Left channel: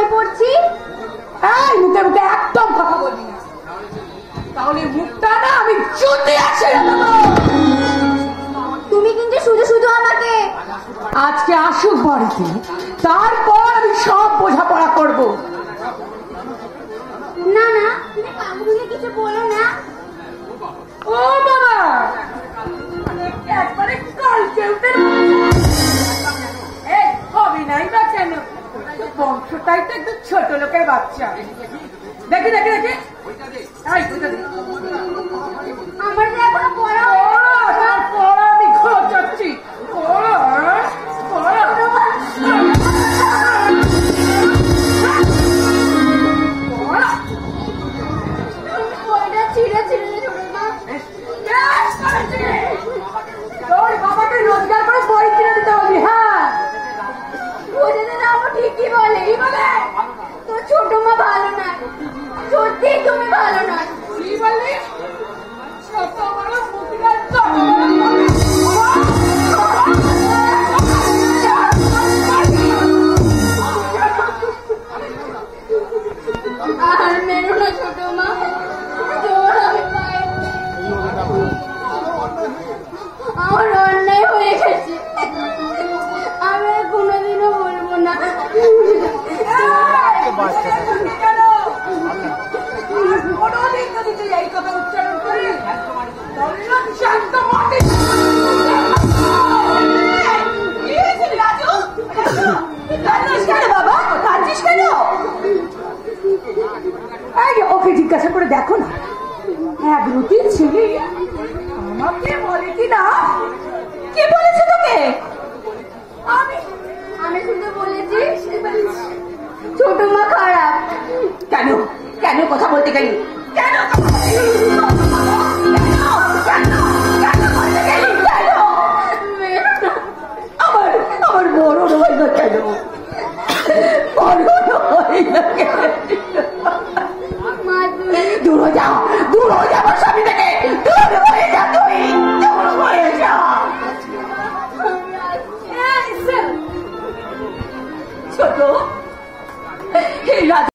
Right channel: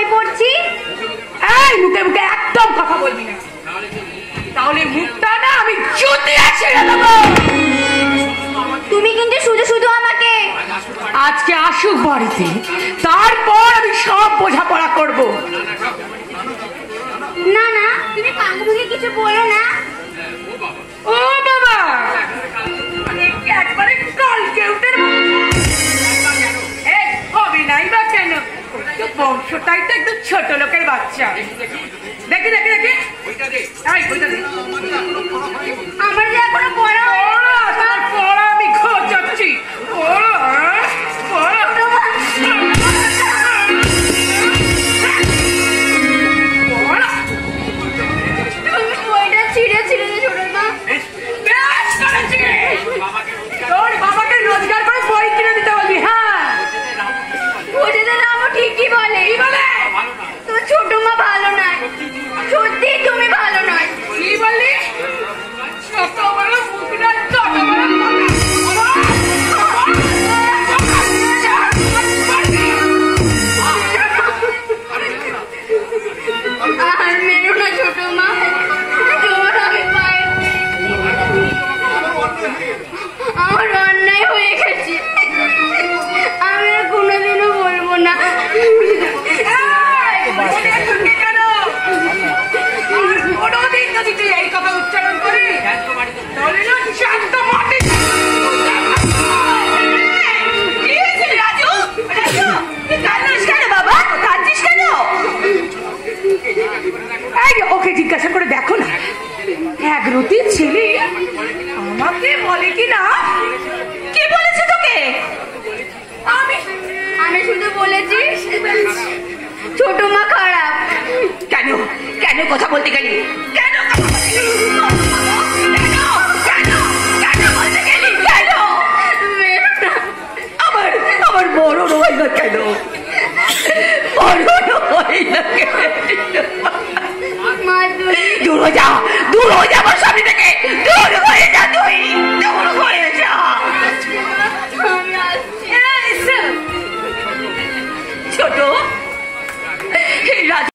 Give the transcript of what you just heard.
বই পড়ছি। এই মুখে মুখে একদম কথা বলবি না, তাহলে মুখটা না আমি চুতিয়ে ছেড়ে দেবো। তুমি কিন্তু শুধু শুধু আমাকে আজকে আসুক বাড়িতে, তারপর আমি সব বোঝাপড়া করব। না না, তুমি কাকুকে কিছু বলো না। ও বাবা, একবারে কালকে উঠে হবে নাই বা কেন? বংশটাই তো একটু ছোট লোকের বাচ্চা। দেখি দেখি দেখি, আমার যে এখনো পড়া পড়া আমি খোঁজাচ্ছি। বইটা ছিঁড়ে ছিঁড়ে ছোট মা। তোর বাবাকে রোজগার করে বই কিনে দিতে বলি। হ্যাঁ, ওটা তো না, ঠিকই বলে। কি বলে? তো ছোট মা ভালো নয়, সত্যি তুমি ভালো নয়। কি বললি? ছোট বড় মুখ না, ছোট বড় আর মেরো না ছোট মা, জোর আমি পাই। আমার অন্যায় হয়ে গেছে, আমি আর কোনোদিনও বলবো না। কোনোদিন যদি তুই এই কথা উচ্চারণ করি, তাহলে না শান্ত মাটি। বাবা, কাঁদছিস কেন? ওকে জিজ্ঞাসা করে দেখো না, এক রুটি ছেলে আমাকে বলে কি না। কি বলেছে তোকে? আমি শুধু বলেছি ছোট মা খারাপ। কেন কেন কথা বলতে গেলি? কেন আমার আমার বড় নয় না কেন? বড় নয় না কেন? দূর হয়ে যা, দূর হয়ে যা আমার সামনে থেকে, দূর হয়ে যা, তুই দূর হয়ে যা। ছোট